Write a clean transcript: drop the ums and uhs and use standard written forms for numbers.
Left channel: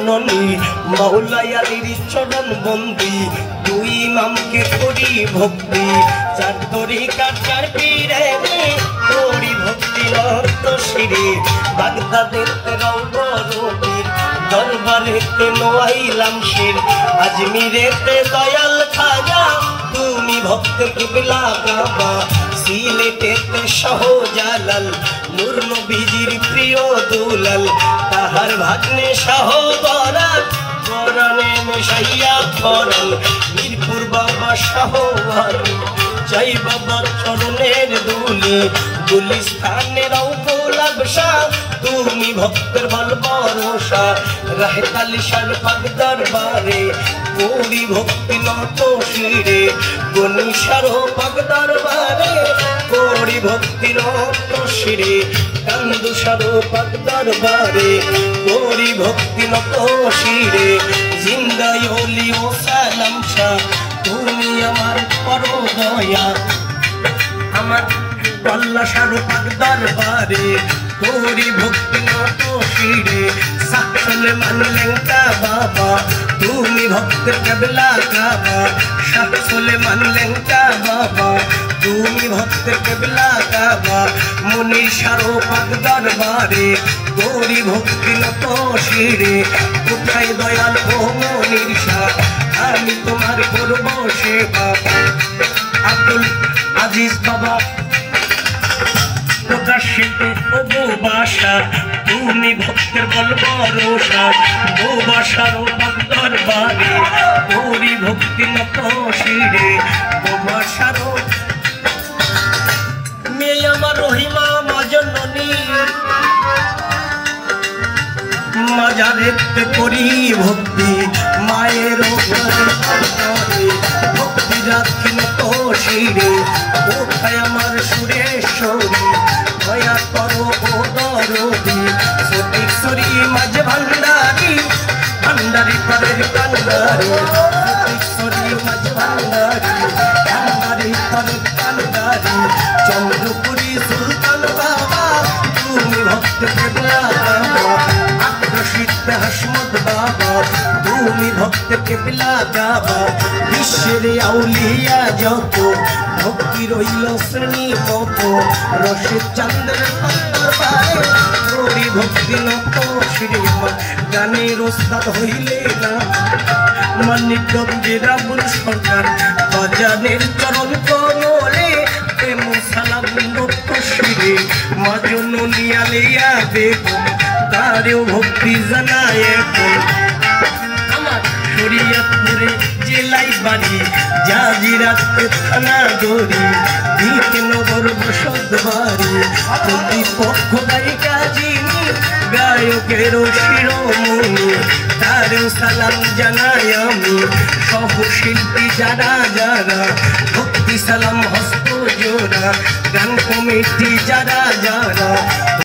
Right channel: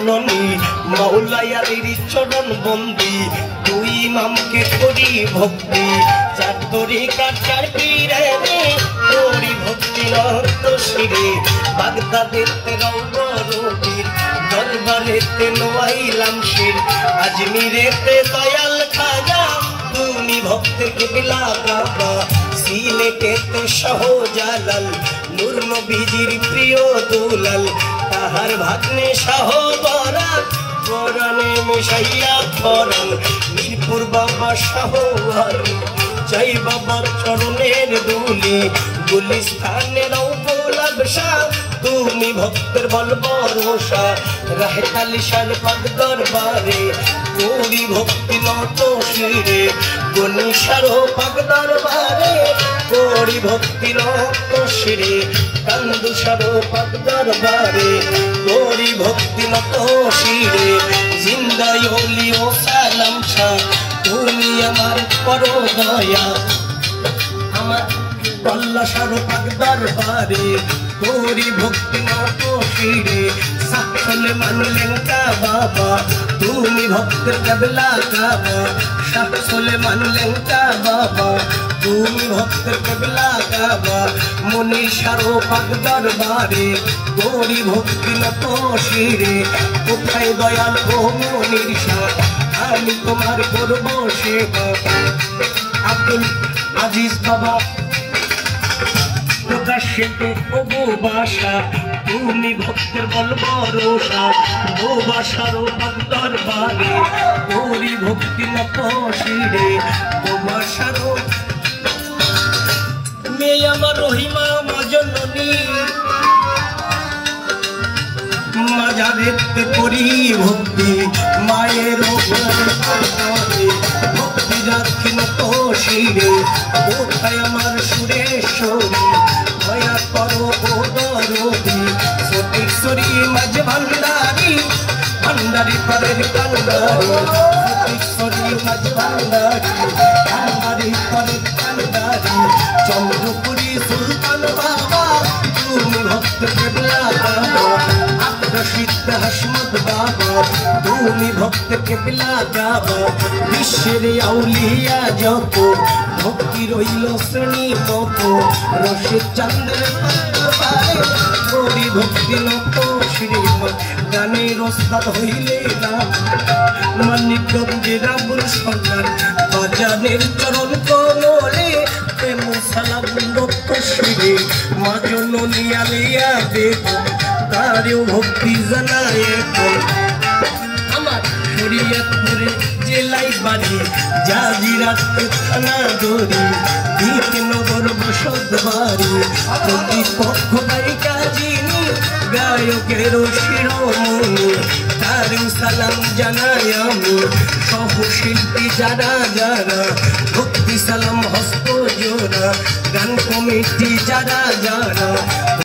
ননি মাওলায়ার চরণ বন্দি দুই ইমামকে করি ভক্তি চার তরিকার চার পীরে করি ভক্তি লক্ষ শিরে বাগদাদেতে রৌদ্রবীর দরবারেতে নোয়াইলাম শির আজমিরেতে দয়াল খাজা তুমি ভক্তের কিবলা কাবা সিলেটেতে শাহজালাল নূর নবীজির প্রিয় দুলাল তাহার ভাগ্নে শাহবরাত কোরআনে মিশাইয়া করাল মিরপুর বাবা শাহওয়ালি জয় বাবার চরণের ধুলি গুলিস্তানের গোলাপশা তুমি ভক্তের বল ভরসা রাহে কালিশার পাক দরবারে করি ভক্তি নত শিরে গুনিশার পাক দরবারে করি ভক্তি নত শিরে কান্দুশার পাক দরবারে করি ভক্তি নত শিরে জিন্দায় হলিও সালাম শাহ তুমি আমার পরম দয়া আমার কল্লা শাহরুখ দরবারে করি ভক্তি নত শিরে সাকলে মানলেন কা বাবা তুমি ভক্তের কেবলা কাবা সাকলে মানলেন কা বাবা তুমি ভক্তের কেবলা কাবা মনি শাহরুখ দরবারে করি ভক্তি নত শিরে কোথায় দয়াল ও মনির শাহ আমি তোমার করব সেবা আব্দুল আজিজ বাবা প্রকাশিত ও বাসা তুমি ভক্তের বল ভরসা ও বাসার দরবারে করি ভক্তি নত শিরে ও বাসার মেয়ে আমার রহিমা মাজননী মাজারেতে করি ভক্তি মায়ের ভক্তি রাখি নত শিরে কোথায় আমার সুরেশ্বরী দয়া করো ও দরদি সতীশ্বরী মাঝ ভান্ডারী ভান্ডারী পরের কান্দারী সতীশ্বরী মাঝ ভান্ডারী ভান্ডারী পরের কান্দারী চন্দ্রপুরী সুলতান বাবা তুমি ভক্ত কেবলা বাবা আগ্রসিতে হাসমত বাবা তুমি ভক্ত কেবলা বাবা বিশ্বের আউলিয়া যত ভক্তি রইল শ্রেণী মত রসের চন্দ্রের করি ভক্তি নত শ্রীমা গানের ওস্তাদ হইলে না মানিকগঞ্জের আবুল সরকার বাজানের চরণ কমলে প্রেম সালাম নত শিরে মা জননী আলিয়া বেগম তারেও ভক্তি জানায় আমার শরীয়তপুরে জেলায় বাড়ি জাজিরাতে থানা দড়ি দিকে নগর বসত বাড়ি প্রতিপক্ষ গায়িকা যিনি গায়কের শিরোমণি তারেও সালাম জানাই আমি সহশিল্পী যারা যারা ভক্তি সালাম হস্ত জোড়া গান কমিটি যারা যারা